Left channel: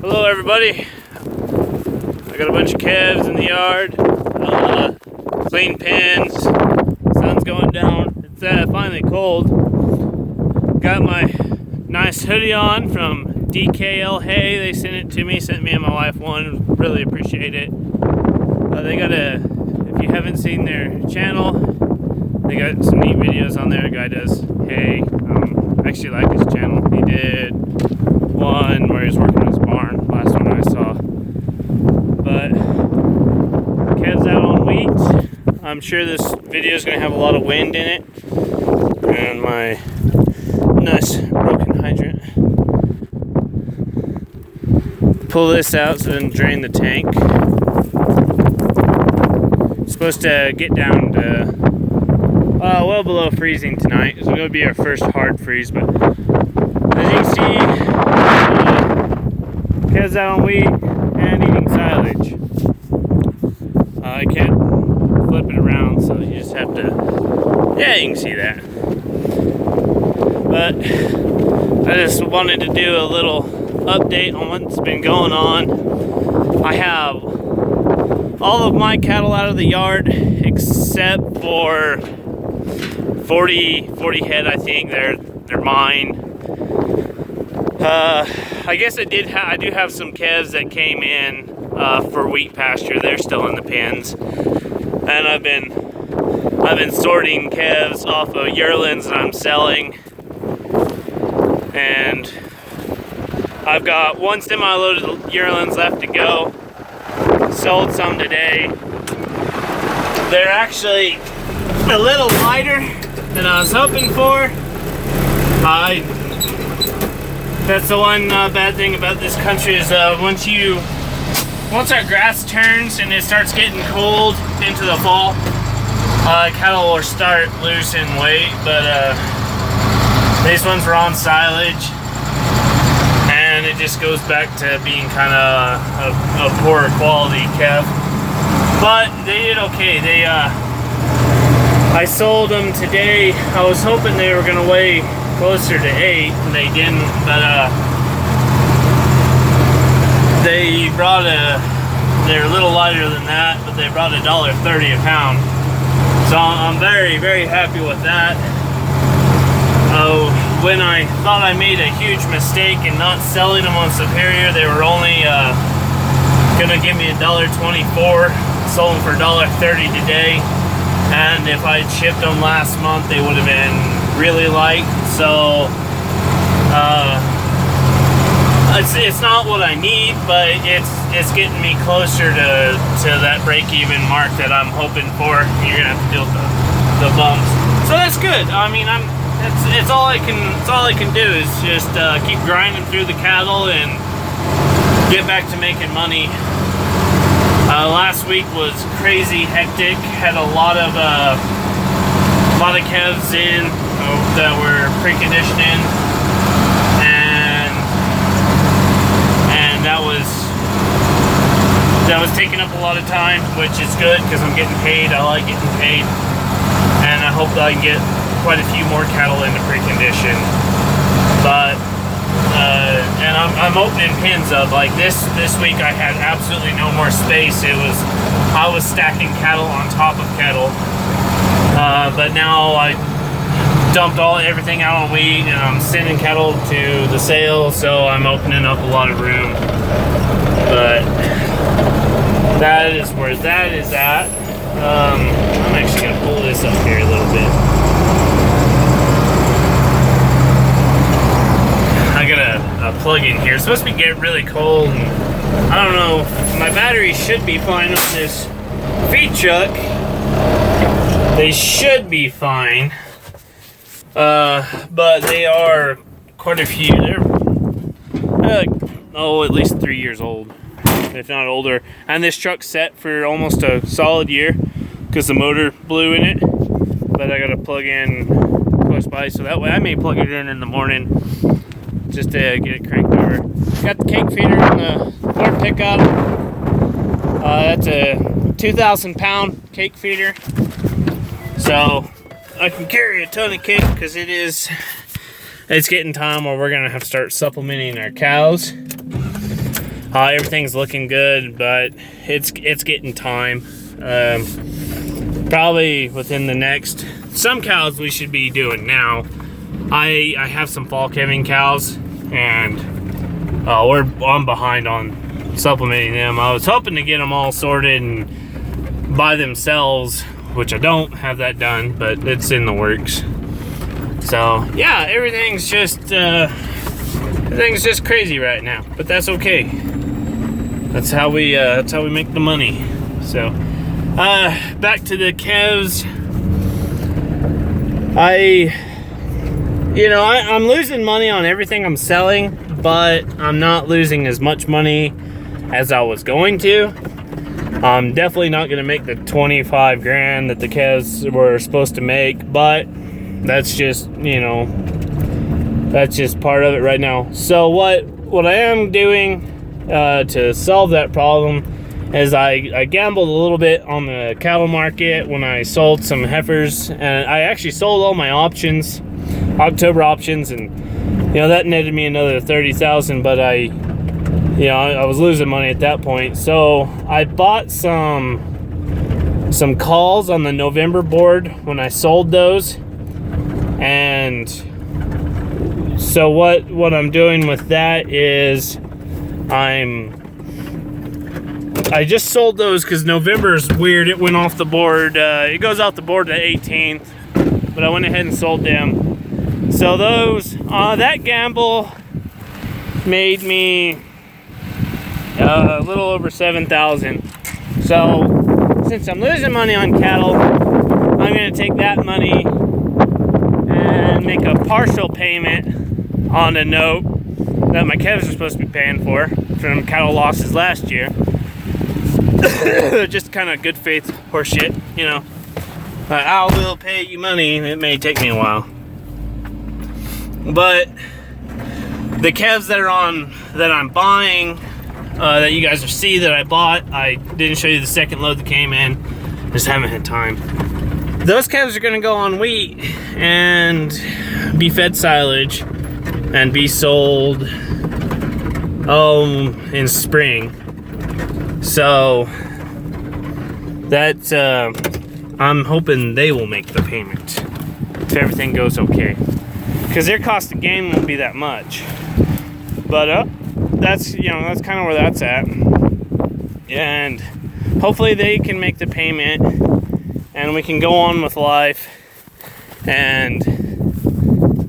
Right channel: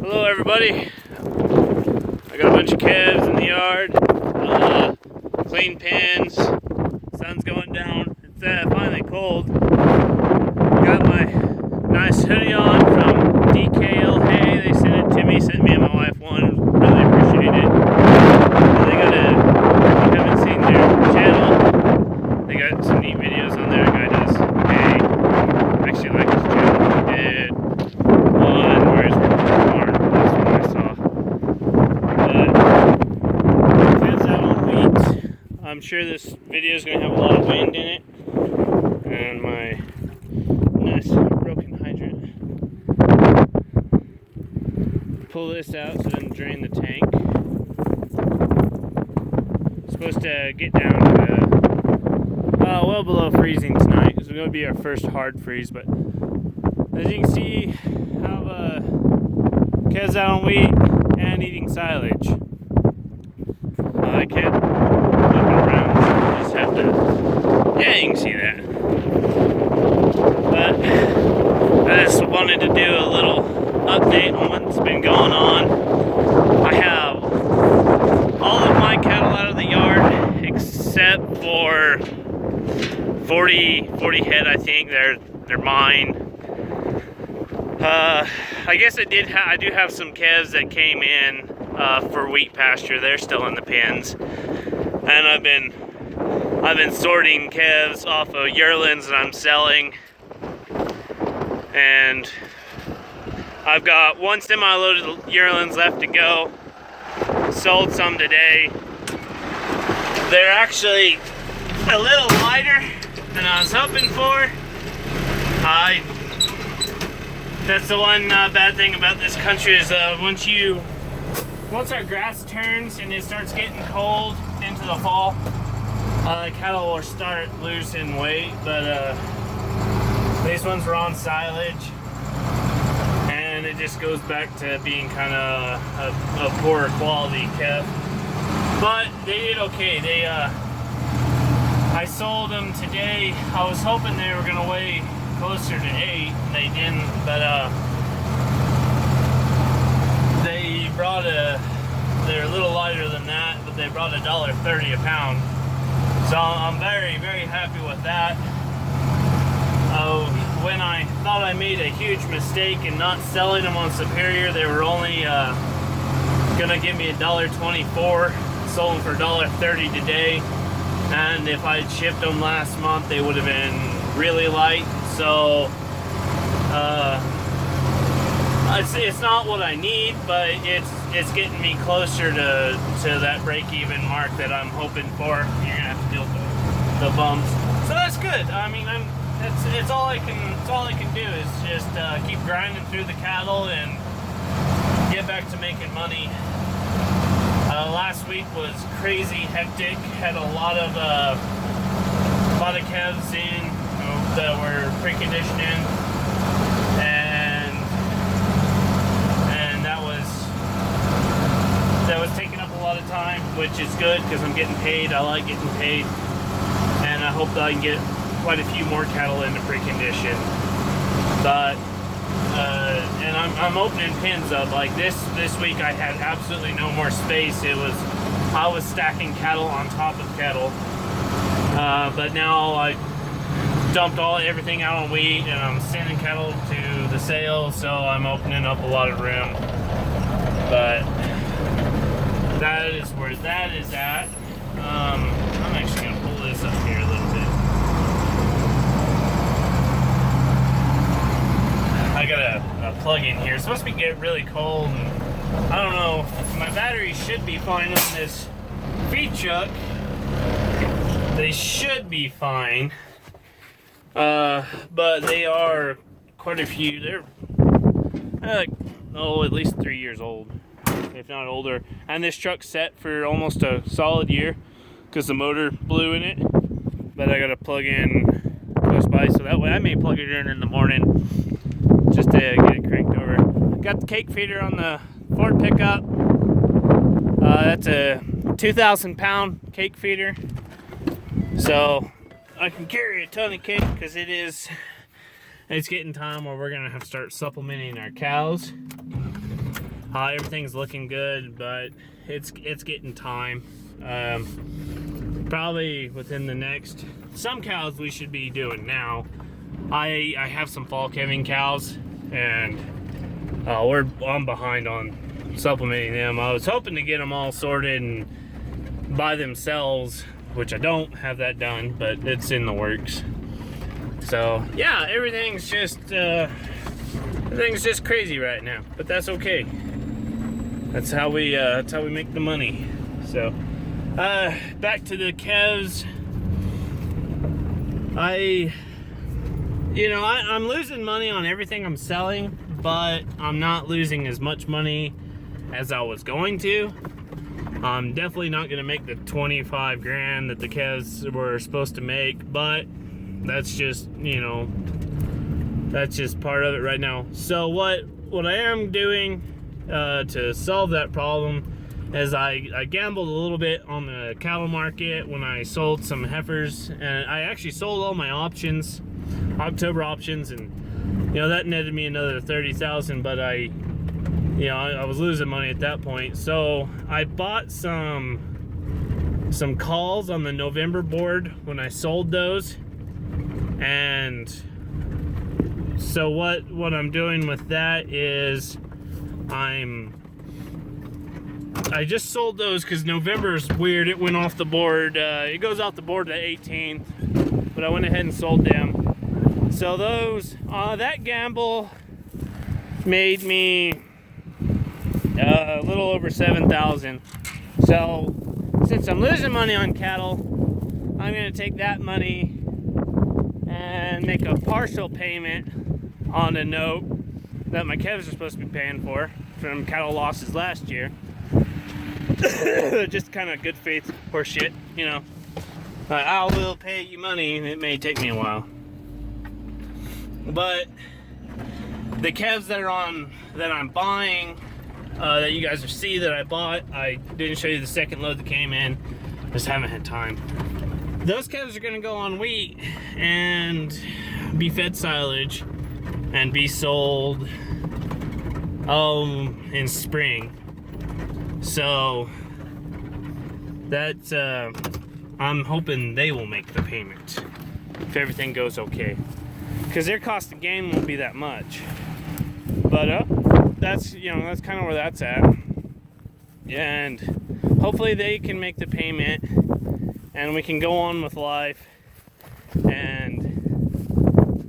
Hello everybody. I got a bunch of calves in the yard. Clean pens. Sun's going down. It's finally cold. Got my nice hoodie on from DLK. They sent it to me. Sent me and my wife one. Really appreciate it. They got if you haven't seen their channel, they got some neat videos on there. A guy does hay. I actually like his channel. He did one where he's working in his barn. Last one I saw. But calves out on wheat. I'm sure this video is going to have a lot of wind in it. And my nice broken hydrant. Pull this out so it doesn't drain the tank. It's supposed to get down to well below freezing tonight. It's going to be our first hard freeze, but as you can see, calves out on wheat and eating silage. I can't flip it around, so you just have to, yeah, you can see that. But I just wanted to do a little update on what's been going on. I have all of my cattle out of the yard except for 40 head, I think. They're mine. I guess I do have some calves that came in for wheat pasture. They're still in the pens, and I've been sorting calves off of yearlings that I'm selling, and I've got one semi-loaded yearlings left to go. Sold some today. They're actually a little lighter than I was hoping for. That's the one bad thing about this country is once our grass turns and it starts getting cold into the fall, cattle will start losing weight. But these ones were on silage, and it just goes back to being kind of a poorer quality calf. But they did okay. I sold them today. I was hoping they were gonna weigh closer to 8, and they didn't. But they're a little lighter than that, but they brought $1.30 a pound. So I'm very, very happy with that. When I thought I made a huge mistake in not selling them on Superior, they were only gonna give me $1.24. Sold them for $1.30 today, and if I'd shipped them last month, they would have been really light. So it's not what I need, but it's getting me closer to that break-even mark that I'm hoping for. You're gonna have to deal with the bumps, so that's good. I mean, it's all I can do is just keep grinding through the cattle and get back to making money. Last week was crazy hectic. Had a lot of calves in that were preconditioning, and that was taking up a lot of time, which is good because I'm getting paid. I like getting paid, and I hope that I can get quite a few more cattle into precondition. But and I'm opening pens up. Like this week I had absolutely no more space. I was stacking cattle on top of cattle. But now I dumped everything out on wheat, and I'm sending cattle to the sale, so I'm opening up a lot of room. But that is where that is at. I'm actually gonna pull this up here a little bit. I got a plug in here. It's supposed to be getting really cold, and I don't know. My batteries should be fine on this feed truck. They should be fine, but they are quite a few. They're at least 3 years old, if not older. And this truck's set for almost a solid year because the motor blew in it. But I got to plug in close by, so that way I may plug it in the morning just to get it cranked over. Got the cake feeder on the Ford pickup. That's a 2,000 pound cake feeder. So I can carry a ton of cake because it's getting time where we're gonna have to start supplementing our cows. Everything's looking good, but it's getting time. Probably within the next, some cows we should be doing now. I have some fall calving cows, and I'm behind on supplementing them. I was hoping to get them all sorted and by themselves, which I don't have that done, but it's in the works. So yeah, everything's just crazy right now, but that's okay. That's how we make the money. So back to the calves. I'm losing money on everything I'm selling, but I'm not losing as much money as I was going to. I'm definitely not going to make the 25 grand that the calves were supposed to make, but that's just, that's just part of it right now. So what I am doing to solve that problem is I gambled a little bit on the cattle market when I sold some heifers, and I actually sold all my options, October options, and that netted me another 30,000, but I was losing money at that point. So I bought some calls on the November board when I sold those, and so what I'm doing with that is I just sold those because November is weird. It went off the board. It goes off the board the 18th, but I went ahead and sold them. So those, that gamble made me a little over 7,000. So since I'm losing money on cattle, I'm going to take that money and make a partial payment on a note that my calves are supposed to be paying for from cattle losses last year. Just kind of good faith horseshit, I will pay you money. It may take me a while, but the calves that I'm buying, that you guys see that I bought, I didn't show you the second load that came in. Just haven't had time. Those calves are gonna go on wheat and be fed silage and be sold in spring. So that's I'm hoping they will make the payment if everything goes okay, because their cost of gain won't be that much. But that's that's kind of where that's at, and hopefully they can make the payment and we can go on with life, and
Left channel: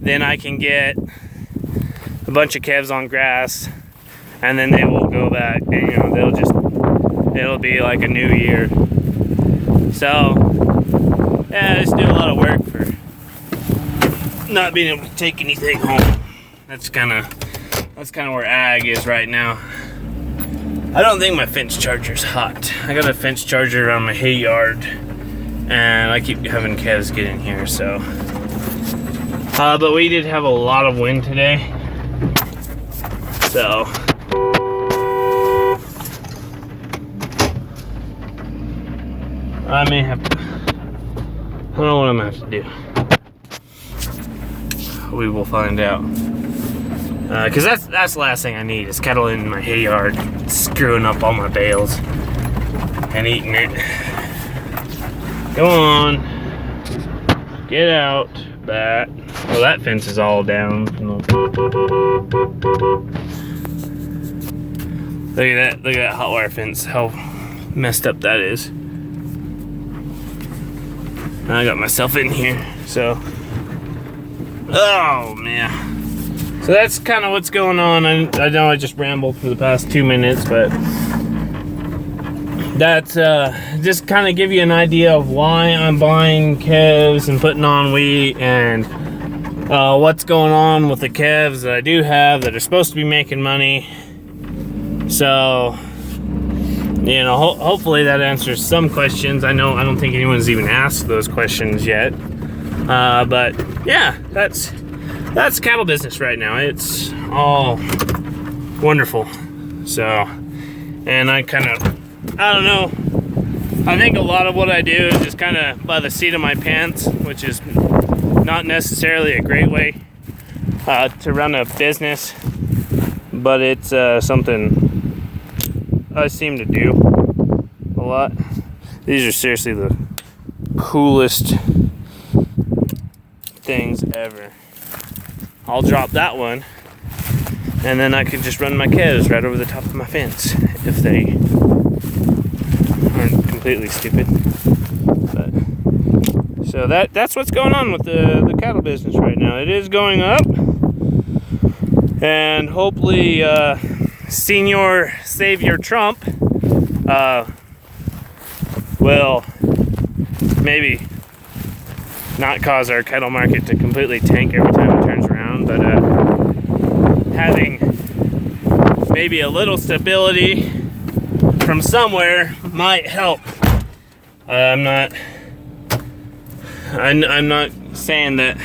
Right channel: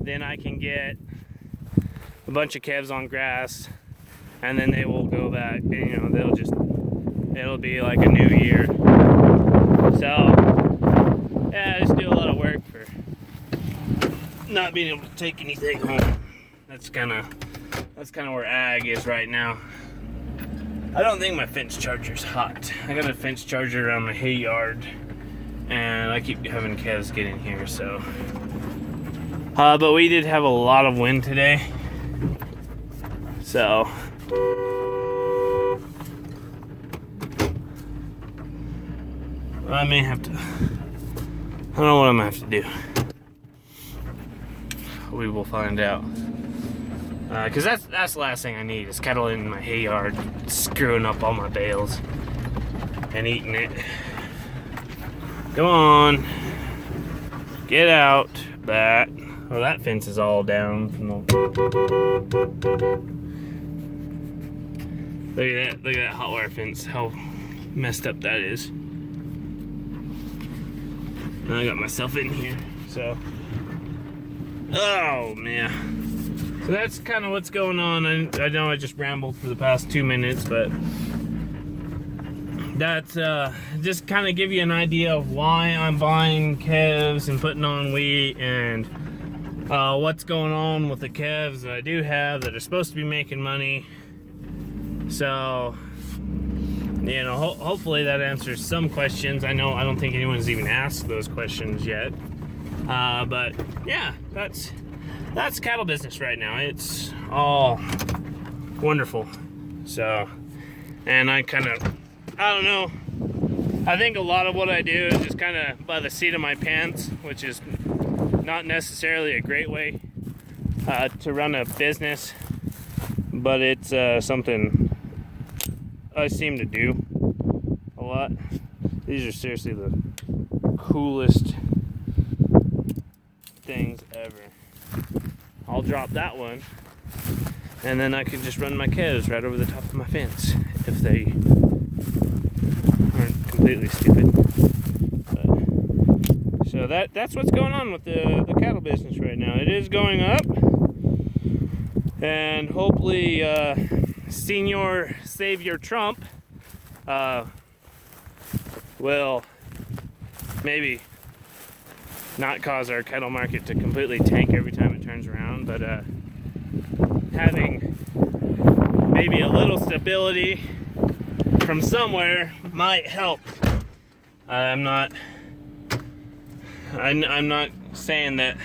then I can get a bunch of calves on grass, and then they will go back and it'll be like a new year. So yeah, I just do a lot of work for not being able to take anything home. That's kind of where ag is right now. I don't think my fence charger's hot. I got a fence charger around my hay yard, and I keep having calves get in here, so. But we did have a lot of wind today, so. I may have to, I don't know what I'm gonna have to do. We will find out. Because that's the last thing I need is cattle in my hay yard screwing up all my bales and eating it. Go on. Get out. Bat. Well, that fence is all down. Look at that hot wire fence. How messed up that is. I got myself in here, so. Oh, man. So that's kind of what's going on. I know I just rambled for the past 2 minutes, but that's just kind of give you an idea of why I'm buying calves and putting on wheat, and what's going on with the calves that I do have that are supposed to be making money. So, hopefully that answers some questions. I don't think anyone's even asked those questions yet. But yeah, that's cattle business right now. It's all wonderful. So, and I don't know. I think a lot of what I do is just kind of by the seat of my pants, which is not necessarily a great way to run a business, but it's something I seem to do a lot. These are seriously the coolest things ever. I'll drop that one, and then I can just run my calves right over the top of my fence if they aren't completely stupid. But, so that's what's going on with the cattle business right now. It is going up, and hopefully Senior Savior Trump will maybe not cause our cattle market to completely tank every time it turns around, but having maybe a little stability from somewhere might help. I'm not saying that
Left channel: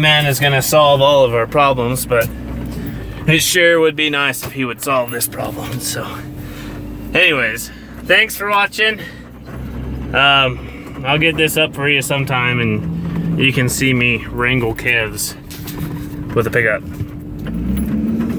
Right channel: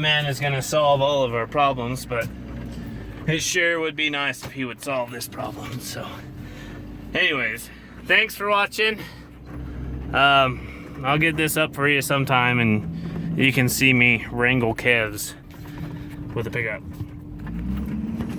man is gonna solve all of our problems, but it sure would be nice if he would solve this problem. So anyways, thanks for watching. I'll get this up for you sometime, and you can see me wrangle calves with a pickup.